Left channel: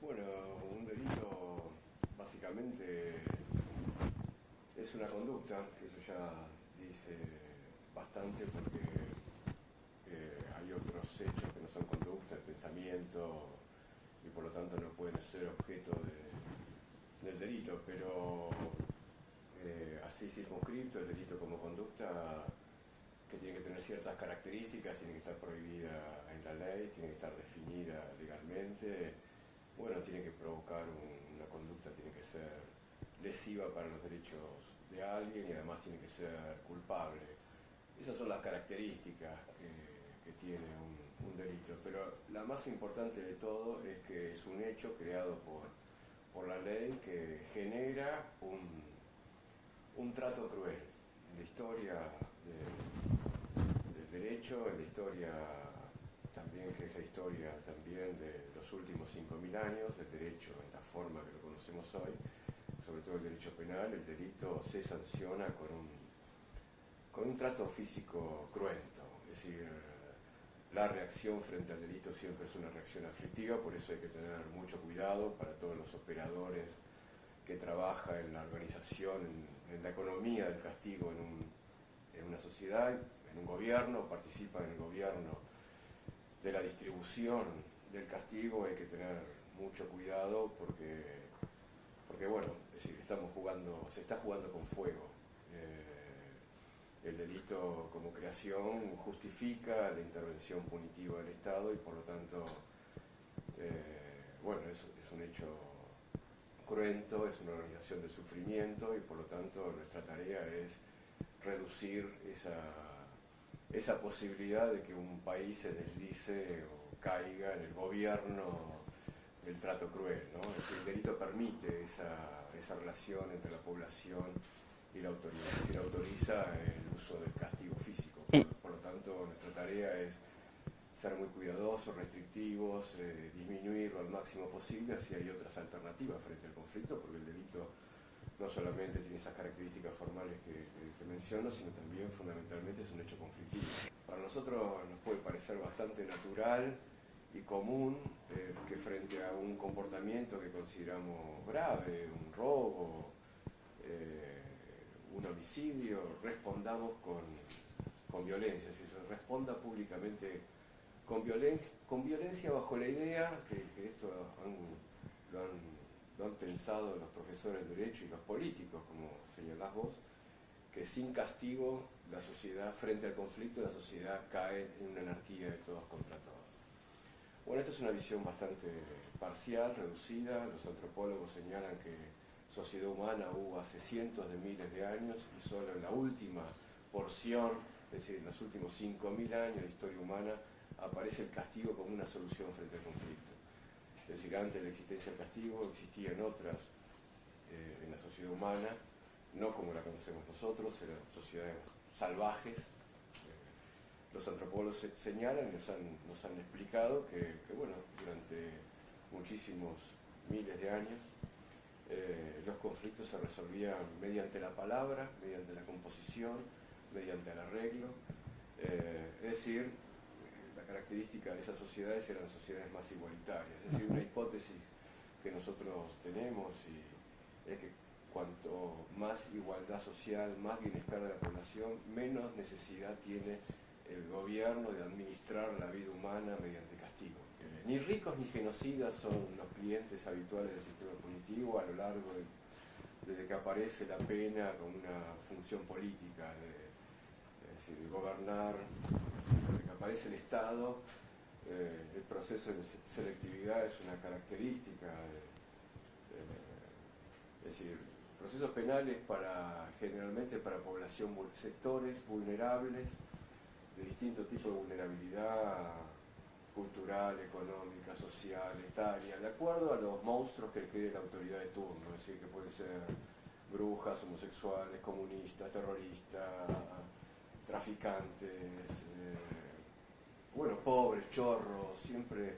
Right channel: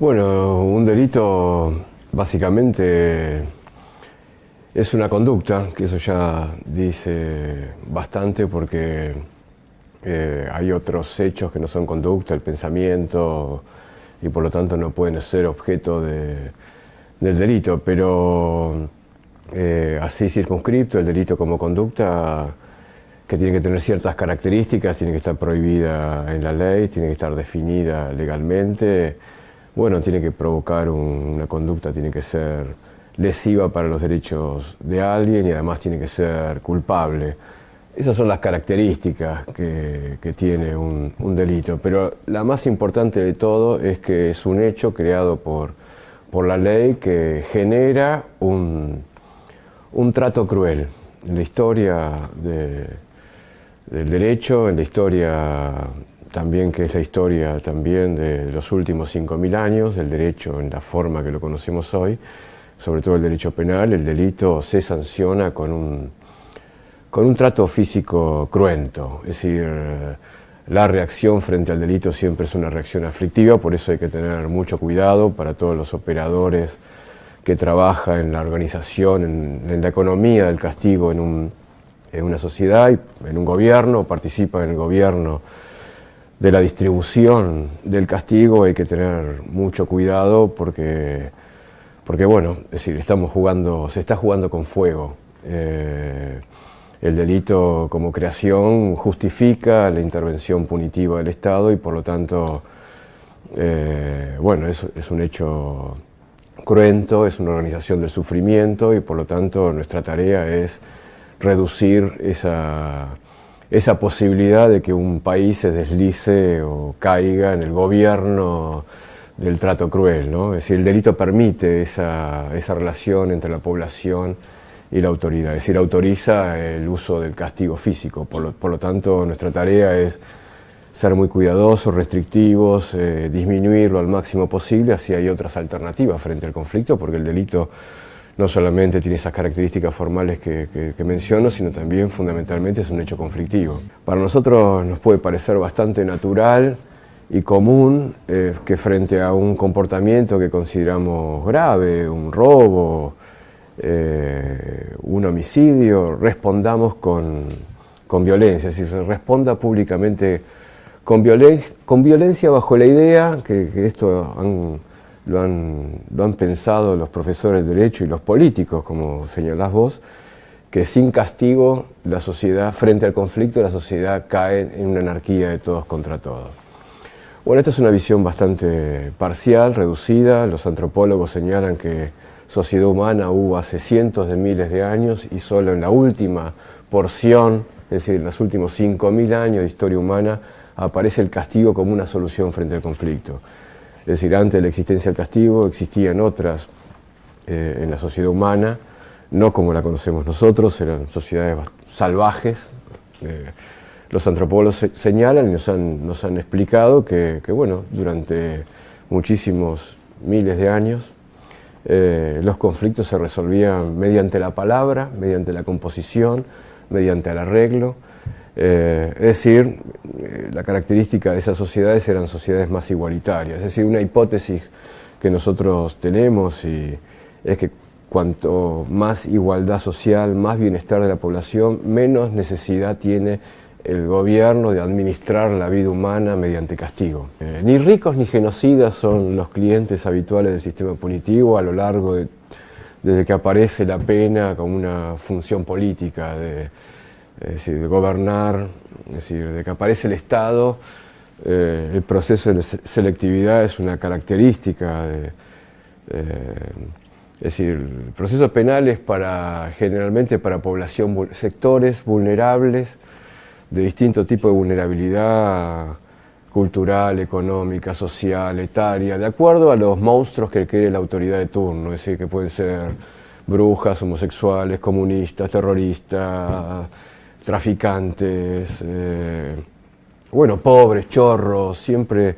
Bueno, un delito básicamente es una conducta, que eso ya dice bastante porque hay otros hechos que no son conducta, el pensamiento, y por lo tanto no pueden ser objeto del delito, pero así circunscripto, el delito como conducta, que tiene que tener ciertas características, tiene que estar prohibida en la ley, tiene que estar definida legalmente. Bueno, tiene que provocar una conducta, tiene que ser lesiva para los derechos de alguien y además tiene que ser culpable. Esas son las características que tiene un delito, pero la más importante de todo es que es un hecho creado por la ley que genera un trato cruel. En la historia del derecho, en la historia también, que es la historia también de los últimos 5.000 años, del derecho en la forma que lo conocemos hoy, sobre todo el derecho penal, el delito se sanciona con un trato físico cruento. Es decir, la reacción frente al delito siempre es una reacción aflictiva, por eso hay que tener mucho cuidado para todos los operadores que trabajan en la organización, en la economía del castigo en una sociedad, en un gobierno, participan en el gobierno de la distribución del castigo. Hay que tener mucho cuidado porque bueno, es decir, se está jugando con fuego. El delito como creación justifica la intervención punitiva del Estado y por lo tanto, bueno, es un hecho cruento, es una organización del sufrimiento y por lo tanto nuestra tarea es reducir esa posibilidad de que un país se deslice o caiga en el gobierno del trato cruel, ¿no? Es decir, el delito permite esa relación entre la población y la autoridad, es decir, autoriza el uso del castigo físico. Por lo tanto, nuestra tarea es ser muy cuidadosos, restrictivos, disminuirlo al máximo posible, así hay otras alternativas frente al conflicto, porque el delito no solamente tiene esas características formales que menciono, sino también fundamentalmente es un hecho conflictivo. Para nosotros nos puede parecer bastante natural y común que frente a un comportamiento que consideramos grave, un robo, un homicidio, respondamos con violencia, es decir, se responda públicamente con violencia bajo la idea, que esto lo han pensado los profesores de Derecho y los políticos, como señalás vos, que sin castigo la sociedad, frente al conflicto, la sociedad cae en una anarquía de todos contra todos. Bueno, esta es una visión bastante parcial, reducida. Los antropólogos señalan que sociedad humana hubo hace cientos de miles de años y solo en la última porción, es decir, en los últimos 5.000 años de historia humana, aparece el castigo como una solución frente al conflicto. Es decir, antes de la existencia del castigo existían otras en la sociedad humana, no como la conocemos nosotros, eran sociedades salvajes. Los antropólogos señalan y nos han explicado que bueno, durante muchísimos miles de años los conflictos se resolvían mediante la palabra, mediante la composición, mediante el arreglo. Es decir, la característica de esas sociedades eran sociedades más igualitarias. Es decir, una hipótesis que nosotros tenemos es que cuanto más igualdad social, más bienestar de la población, menos necesidad tiene el gobierno de administrar la vida humana mediante castigo. Ni ricos ni genocidas son los clientes habituales del sistema punitivo a lo largo desde que aparece la pena como una función política es decir, de gobernar, es decir, de que aparece el Estado. El proceso de selectividad es una característica es decir, el proceso penal es generalmente para población, sectores vulnerables, de distinto tipo de vulnerabilidad cultural, económica, social, etaria, de acuerdo a los monstruos que quiere la autoridad de turno, es decir, que pueden ser brujas, homosexuales, comunistas, terroristas, traficantes, bueno, pobres, chorros. Siempre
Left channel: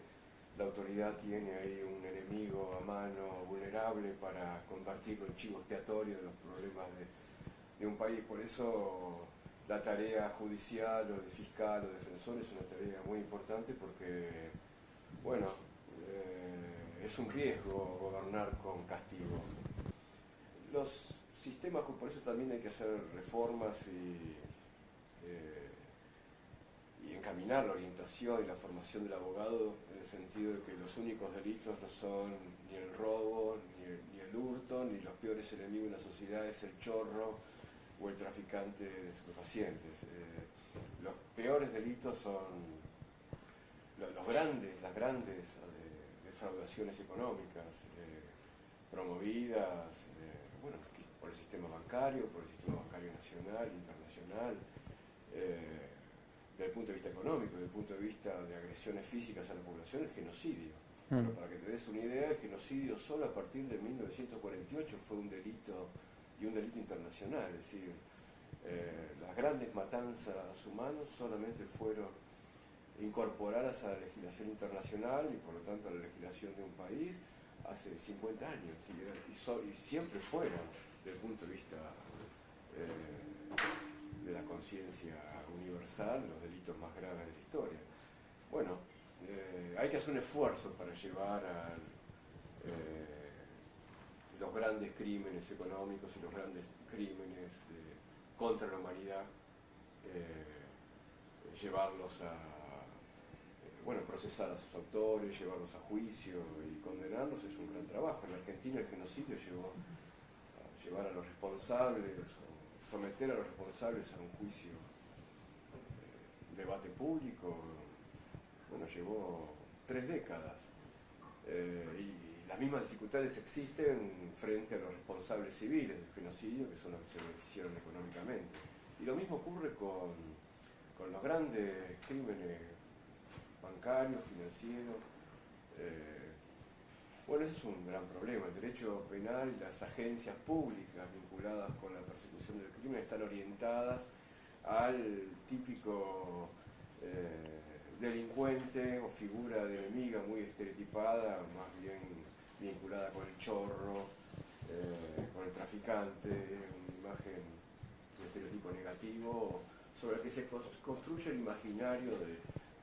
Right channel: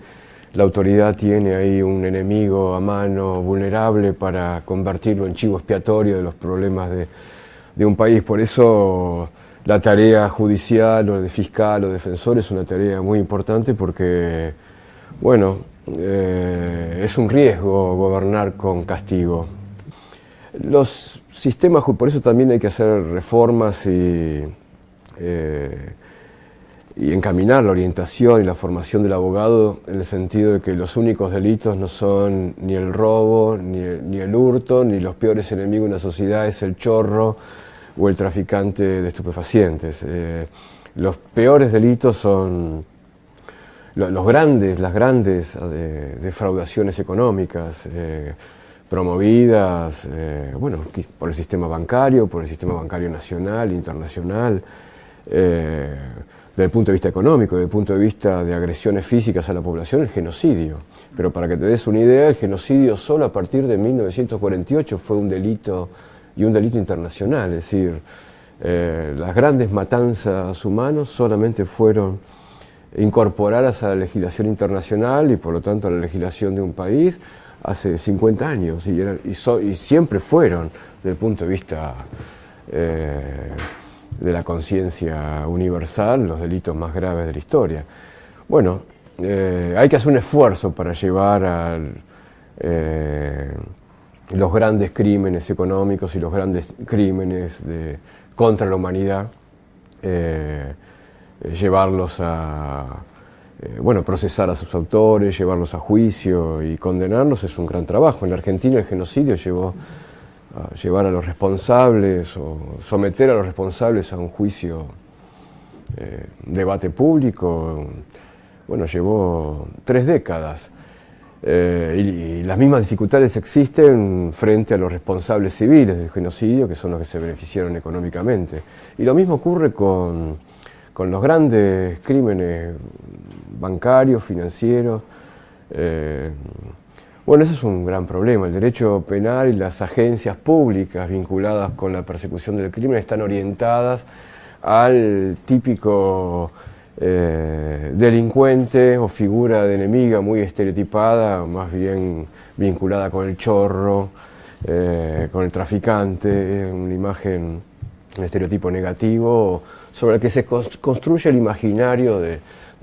la autoridad tiene ahí un enemigo a mano vulnerable para convertirlo en chivo expiatorio de los problemas de un país. Por eso la tarea judicial o de fiscal o defensor es una tarea muy importante porque, bueno, es un riesgo gobernar con castigo. Los sistemas, por eso también hay que hacer reformas y encaminar la orientación y la formación del abogado en el sentido de que los únicos delitos no son ni el robo, ni el hurto, ni los peores enemigos de una sociedad es el chorro o el traficante de estupefacientes. Los peores delitos son las grandes defraudaciones económicas promovidas bueno, por el sistema bancario nacional, internacional, desde el punto de vista económico, desde el punto de vista de agresiones físicas a la población, el genocidio. Pero para que te des una idea, el genocidio solo a partir de 1948 fue un delito, y un delito internacional, es decir, las grandes matanzas humanas solamente fueron incorporadas a la legislación internacional y por lo tanto a la legislación de un país hace 50 años y siempre fueron, desde el punto de vista de la conciencia universal, los delitos más graves de la historia. Bueno, hay que hacer un esfuerzo para llevar a los grandes crímenes económicos y los grandes crímenes contra la humanidad, llevarlos a bueno, procesar a sus autores, llevarlos a juicio y condenarlos es un gran trabajo. En la Argentina el genocidio llevó a llevar a los responsables o someter a los responsables a un juicio, debate público, bueno, llevó 3 décadas. Y las mismas dificultades existen frente a los responsables civiles del genocidio, que son los que se beneficiaron económicamente. Y lo mismo ocurre con los grandes crímenes bancarios, financieros. Bueno, eso es un gran problema. El derecho penal y las agencias públicas vinculadas con la persecución del crimen están orientadas al típico delincuente o figura de enemiga muy estereotipada, más bien vinculada con el chorro, con el traficante, una imagen, un estereotipo negativo sobre el que se construye el imaginario de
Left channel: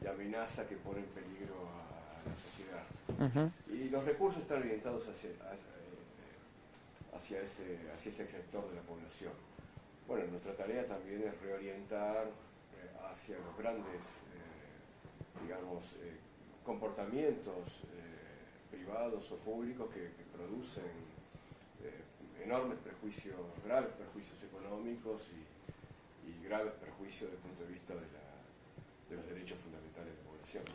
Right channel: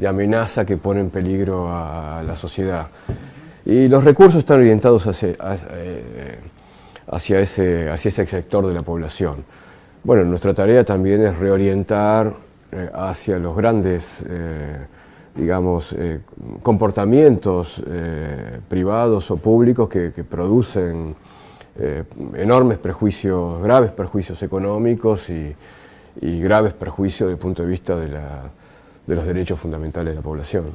amenaza que pone en peligro a la sociedad. Y los recursos están orientados hacia ese sector de la población. Bueno, nuestra tarea también es reorientar hacia los grandes, digamos, comportamientos privados o públicos que producen enormes prejuicios, graves perjuicios económicos y graves perjuicios desde el punto de vista de los derechos fundamentales de la población.